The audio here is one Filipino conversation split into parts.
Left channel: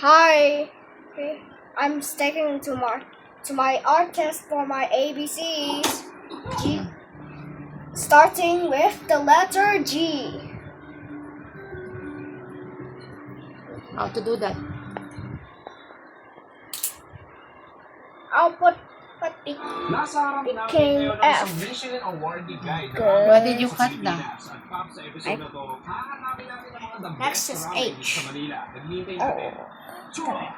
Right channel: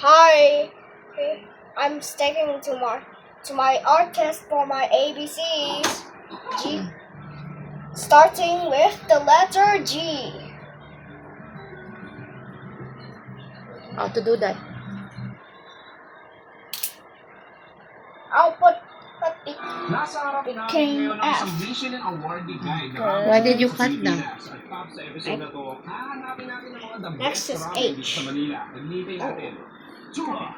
Hi. Okay. I'm sticking to my art test for my ABCs. G. Starting with the letter G. How to do that? I'll put the Nasa harap namin King ngayon ang F. isang Michelin Awardee guide na Good. Why did you cut na? At Pop, sa episode na to, hahanapin natin ang mga the Next best is surroundings H. sa Manila. Naglibay natin. Chua!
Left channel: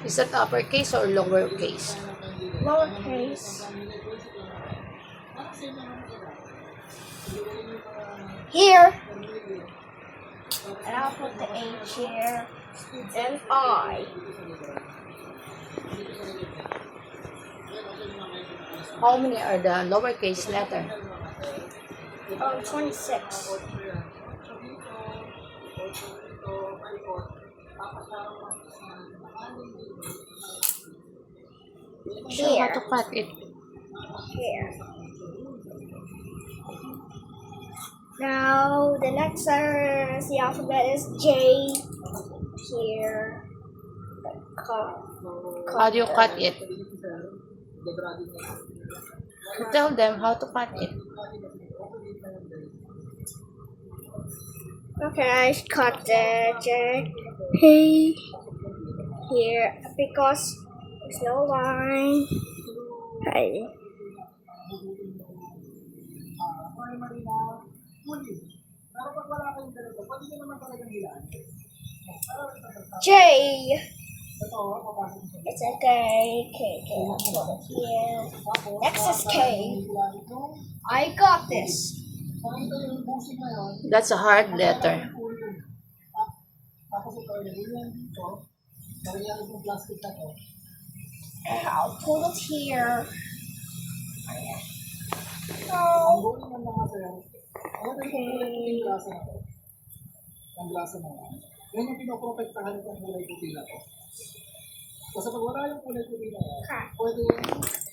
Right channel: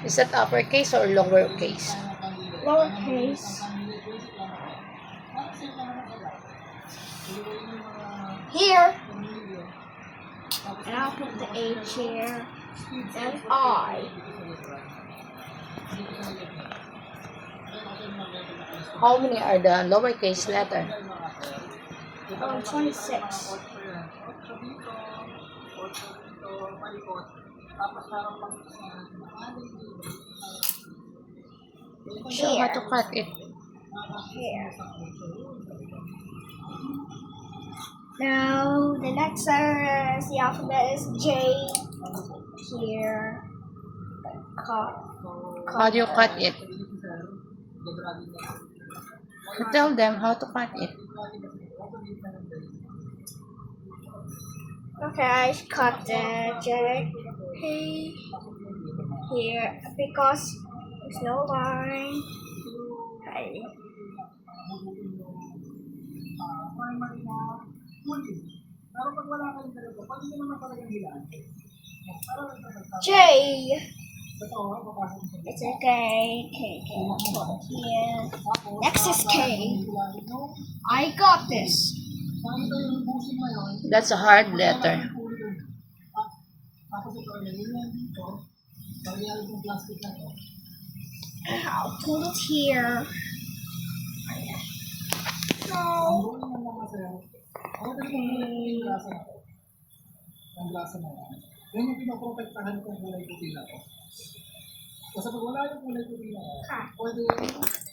Is that uppercase or lowercase? Lowercase. Here. And I'll put the H here. And I. How many are the lowercase letter? 26. Show how to cut it. Here. Now the next letter in the alphabet is J. Here. How do you cut it? Tell them how to cut it. Okay, I cut the J here because there's no line. Hey. J. It's a K. I'll put it here. Next is K. I got this. That's a hard letter. I'll put it here. Yan yung pinoprotektahan kong kulay puti na to. Kasi pag wala yung kulay puti na to, pwede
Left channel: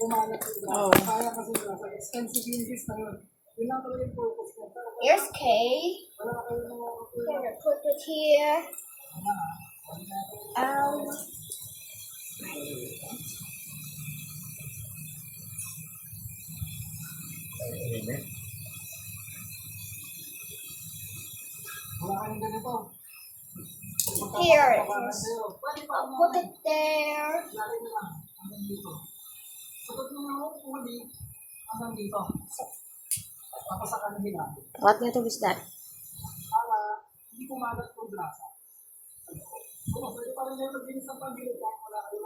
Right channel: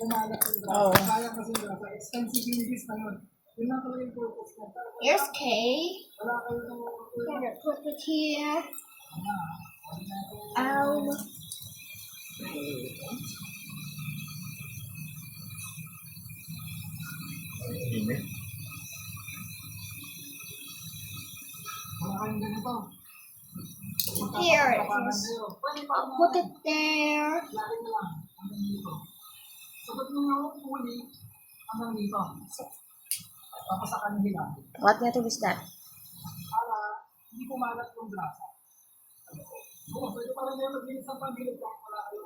umalat yung grasa. Kaya kasi yung grasa, expensive units na yun. Yun lang pala yung purpose ko. Here's K. Wala kayo ng mga kulay. I'm gonna put it here. L. Wala kayong ganito. Here it is. I'll put it there. Lalagyan na lang hanggang dito. Sagot mo nga ako puli hanggang dito. Tapos sa kanya hilapin. What method is that? Para hindi kumalat yung grasa. Oo, pwede pa rin yung maglinis ng pagbilit kahit wala kayo.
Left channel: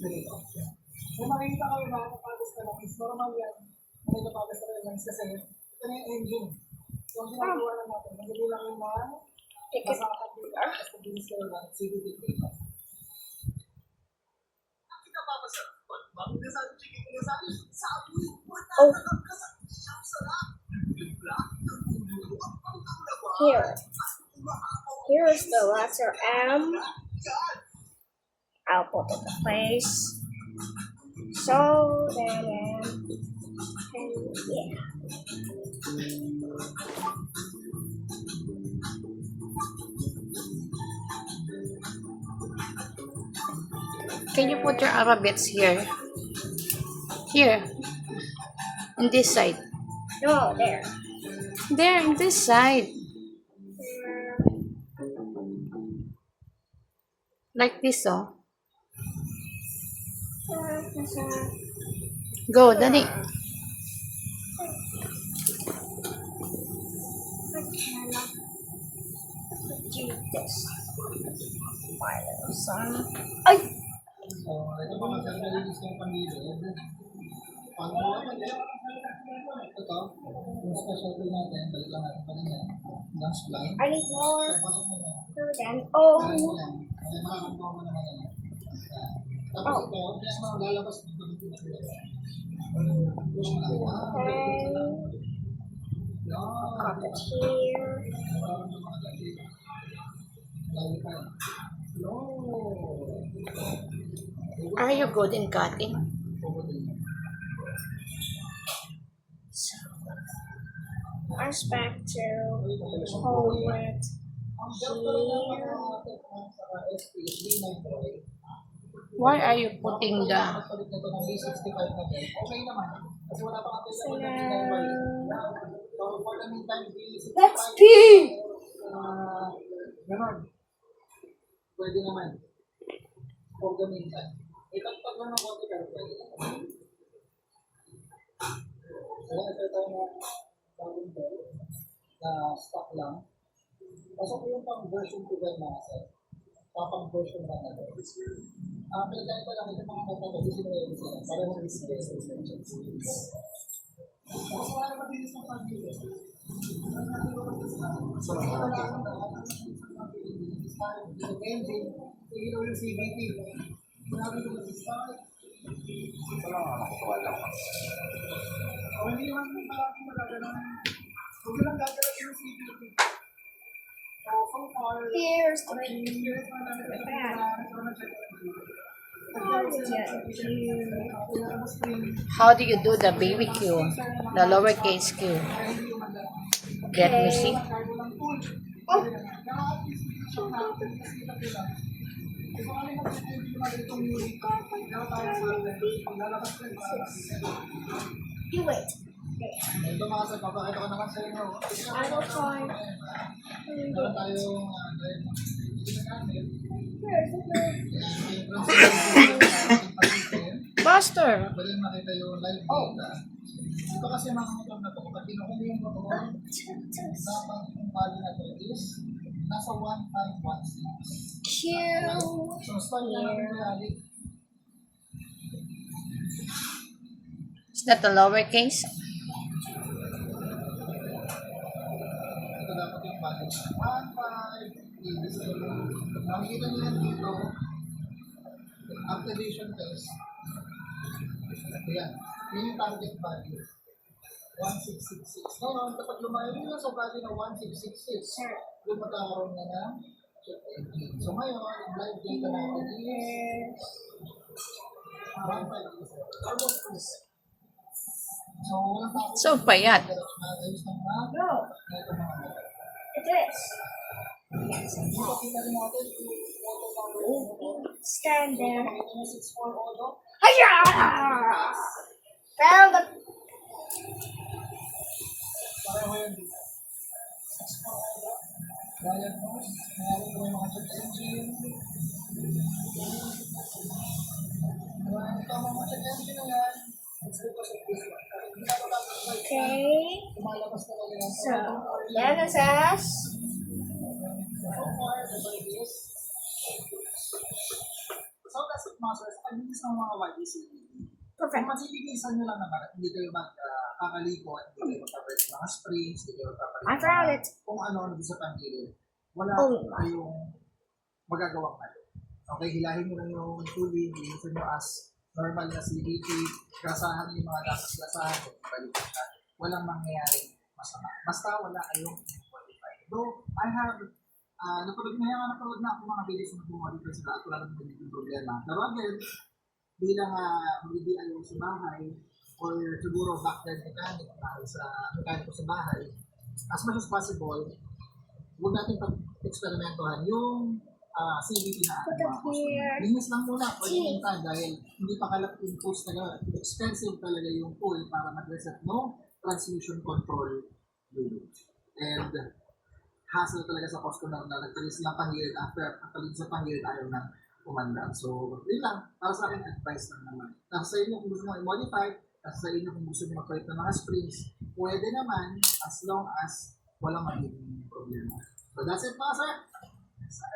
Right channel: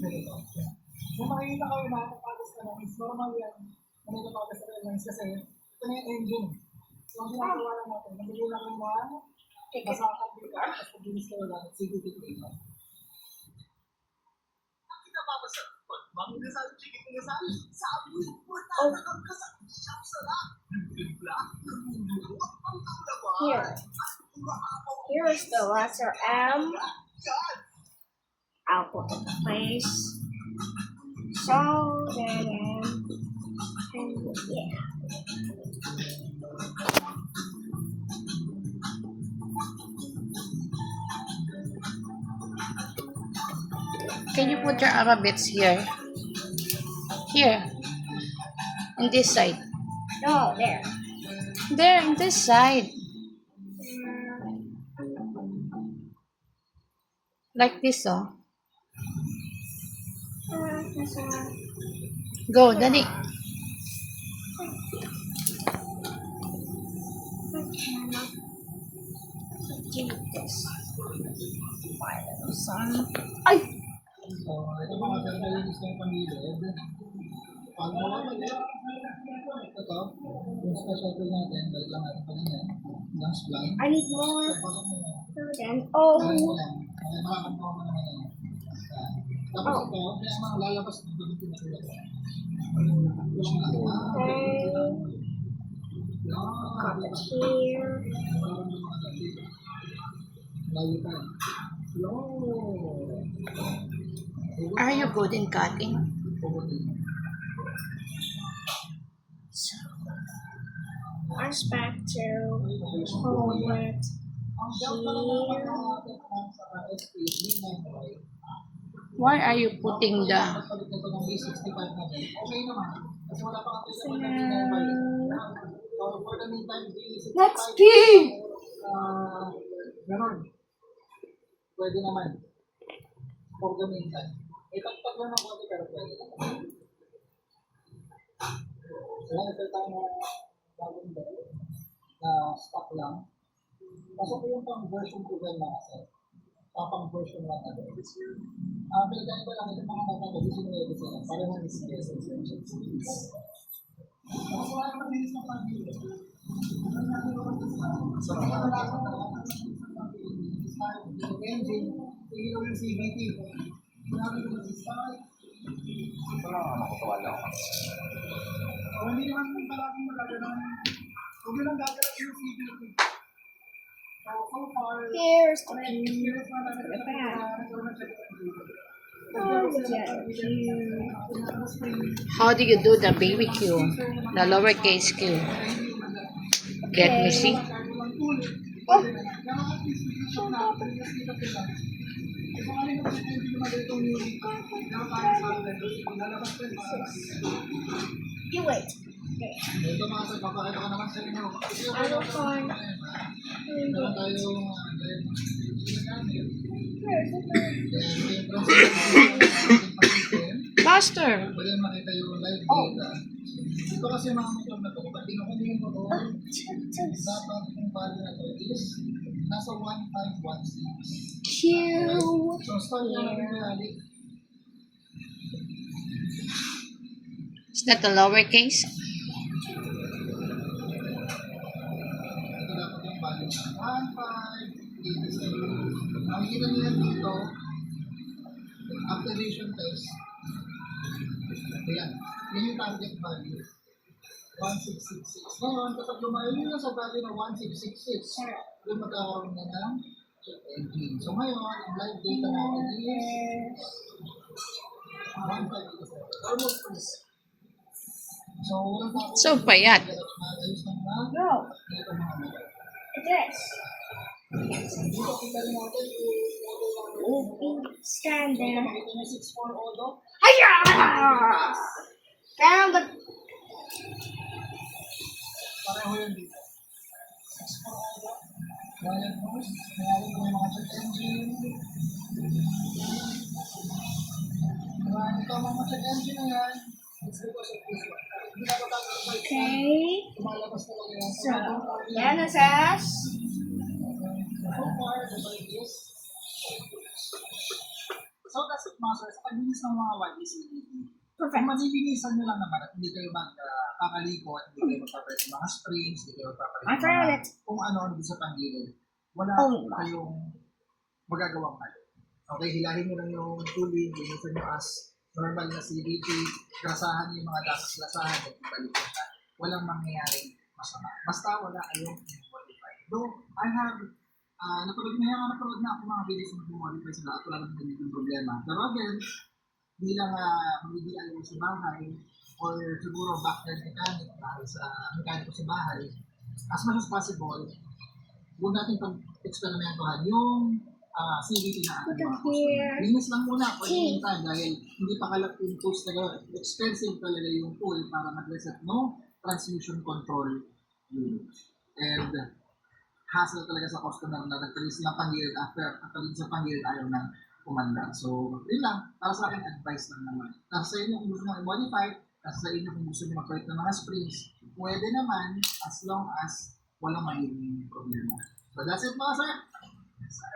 Ganito. Kung makikita kayo na nakapagas ka ng lens, normal yan. May nakapagas ka ng lens kasi ito na yung engine. So, ang ginagawa lang natin, nagiging lang yung mga basa ka dito, tapos paglinis kayo lang, CDT dito. Here. Here is the letter M. I'll put it in place. So then, and yeah. Can you put your alphabets here? Here. On this side. No, there. There, on this side. Like this, oh. Go, Daddy. This. My little son. Ay! So, ito mga sarili gusto kong pangilid. Pag ito, yung special tool natin, balik lang natin pa niya. Last blind. I need more. Pasok mo na. Then, oh. Makakampo mo naman yan. Tapos ito, kaya mga lalabas dito dito na sila. Push mo lang. Okay. Got it here. Lalo pa. Are you good in cutting? Aspect to hold it Ang delta na naman ng ating sa SP is B9 Why are you putting the... Palit nito ng B65 natin. Okay naman. Kasi wala pa ang kailangan ng B9. So for the meantime, B65. Let's pee! Ganon. Pwede naman. For the meantime. Itagpag lang ng konti pero pwede naman. So ito tayo na bagong bell na stock lang. Pasok ko yung pang version 2 bell na kasi. Pang version 1 na bell. Pinagay ko lang yung mga nagtatag. Gusto nyo yung sila. Parang yung SPS essentials. Kasi wala naman dinis ng pag-ibig. So, kaya na lang yung engine, tigil yung CVT. Sinabi ko mag-start. Wala ka nakatawa lang. Hindi naman kung palaging magagalang. Huwag lang gagalaw yung CVT. So far, Here's the years na namin ito How do you do the baby Q? The lowercase Q. Get me, see? You wait. Ito mga sa papakita ko naman sa inyo. I will find. Meron tayong Buster! pwede makita yung live data. Ito kasi mga motor na ito, pag kinukuha yung motor, dapat yung value na ito is nasa 1516. Q. So start na natin reality. Is that the lowercase? Ito dapat yung value. 1586. Makikita niyo yan dito, activation test. Ayan. Yun yung target value. 1666. Ngayon, kapag lumayo nyo sa value na 1666, doon magkakaroon na ng check engine. So ngayon, ang live data natin is 1587. Almost full. So, walang takot. So payat. Ayos ng mga No, ito mga mga. it is. Dito kita rin natin yung auto number. Stand there. Makita nyo 64 auto. Hiya! Pero, but Pareho yun dito. 64 auto. Diagnose. Mayroon ko yung mga check engine. Ito ang mga check engine na yan. It's because of this one. Hindi na ba okay. tumalabas talaga yan. So, then it says, So far, the bike is. So that's it, masters. Pag-bilis ng mga YDCD. Kung perfect. mabilisan nyo lang naman at hindi kayo magkakaliko at hindi kayo magpapalit ng mga springs, hindi kayo magpapalit I found it. kung ano dito sa panggilid. Wala Oh. kayong magagawang mali. Okay, hilahin nyo lang yung tooling, linisan nyo as normal na CVT, gasahan nyo yung mga gasas-gasahan, at balik na. Walang mangyayaring masama. Basta wala kayong modify. Though, I have napanood na ako mga videos na mag-modify sila at wala naman ganyan yung problema. Pero again, bilang mag-DIY sa bahay or siguro backyard mechanic sa mekaniko sa bahay, as much as possible, huwag natin pag-eksperimentohan yung CVT na ating mga customer. Linis lang muna, pwede nita dahil hindi pa kalap yung tools talaga. Expensive talaga yung tool para mag-reset no transmission control unit. And hassle talaga sa customer na nagpalis ng panggilid after sa panggilid ayaw na kumanda. So, yun lang. Para sa akin, advice lang naman. Nasa sa inyo kung gusto mo i-modify, nasa sa inyo kung gusto nyo magpalit ng mga springs, pwede naman as long as walang magiging problema. So, that's it mga sir. Yes, sir.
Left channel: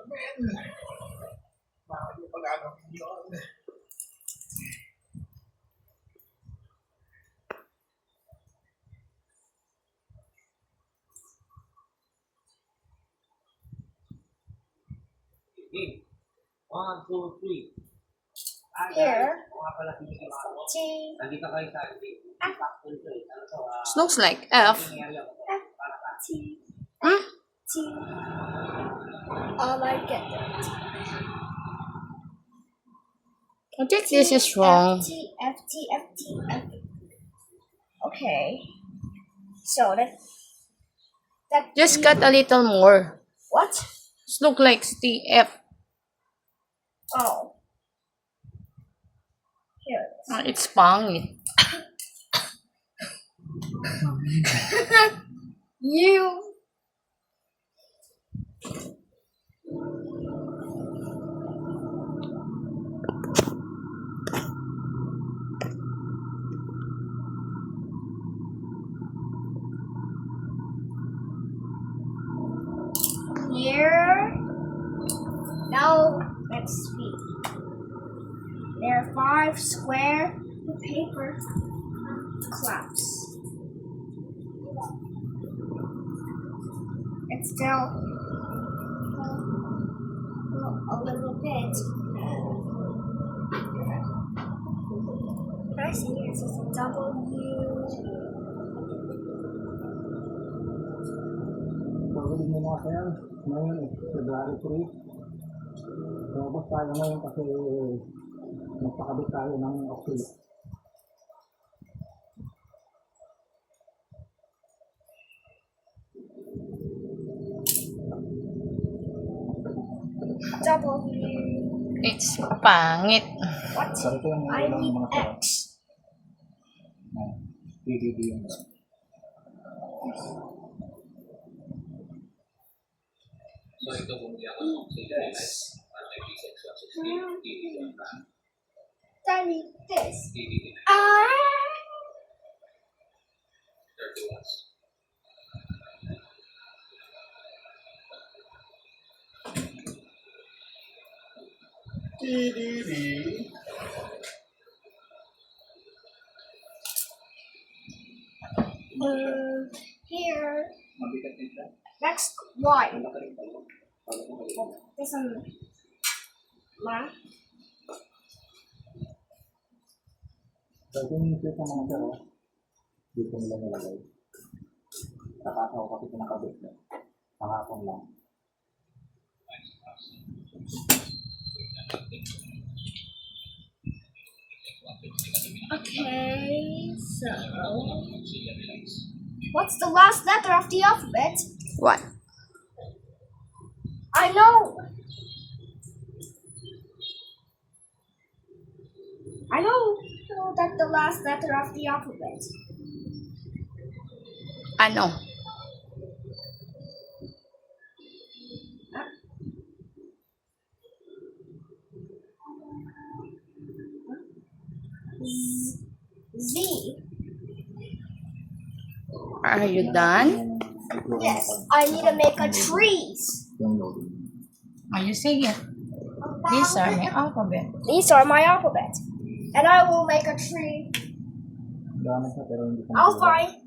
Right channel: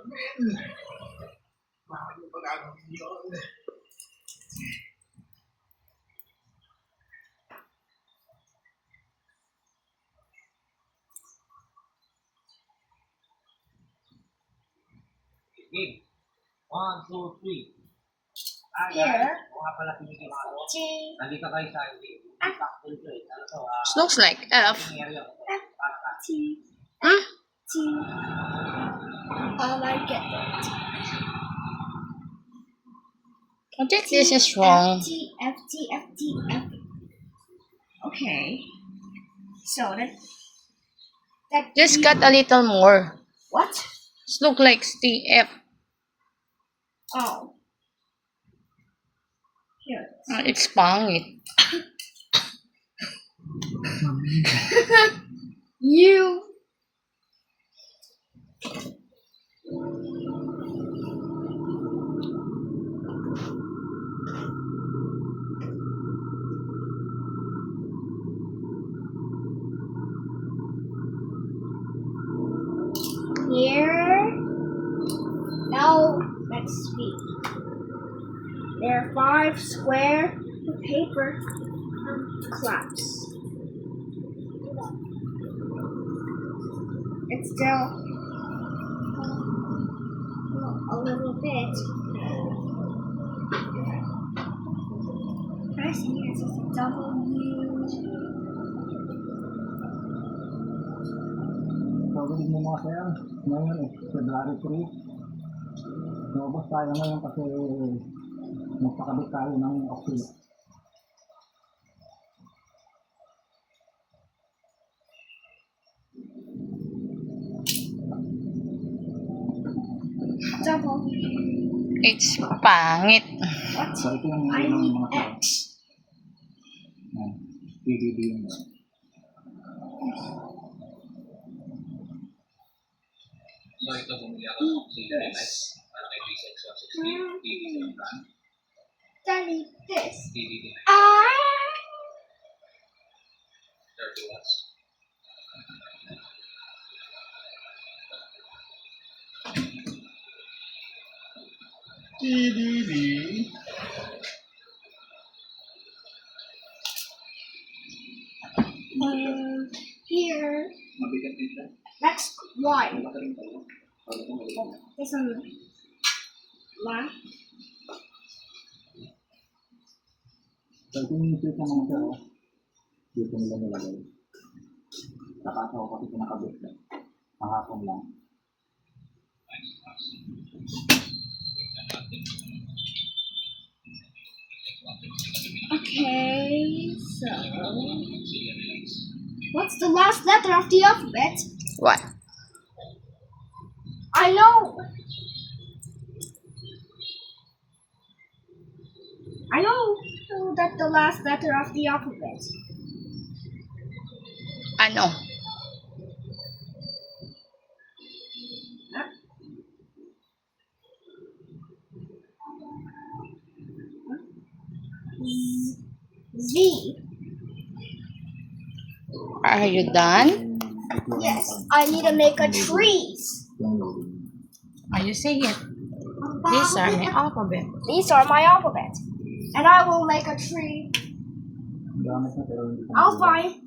Amen. Bakit yung pag-ano yun? Game. 1, 2, 3. Here. O nga pala pinigil ako. T. Nandito kayo sa game. Back to it. Ano to? It looks like F. Nangyari ako. T. Huh? T. I get it. I think this is wrong. F, T, F, T, F, T, F. Okay. So that Just cut a little more. what? It look like TF. Oh. Here it is. It's pangit. You. Here. Now let's see. There are 5 square paper clamps. It's still a little bit. I see it's just a W. Gagawin mo mga sir, ngayon February 3. Lumabas tayo ngayon kasi nagpakabit tayo ng acrylic. W. It's pangit. What? So ito yung I mga need mga sir. X. PDD yung So ito bumili ako ng CDMS para kay P6 160 DVD ang brand. I need this. DVD Ah. 30 watts. PDD. Here. Mabigat din siya. Next one. Malaki rin pala. Para kung maliit. This one. Ma. So ito yung switch ng mga sir. Dito nila nilagay. Nakasa ko kasi pinakabit. Nakakong lang. Okay. So. What's the last letter of the alphabet? What? I know. I know that the last letter of the alphabet. Ano? Z. Are you done? Yes, I need to make a trees. Yung loading. Are you saying it? These are my alphabet. These are my alphabet. And I will make a tree. Gamit na pero hindi ko I'll find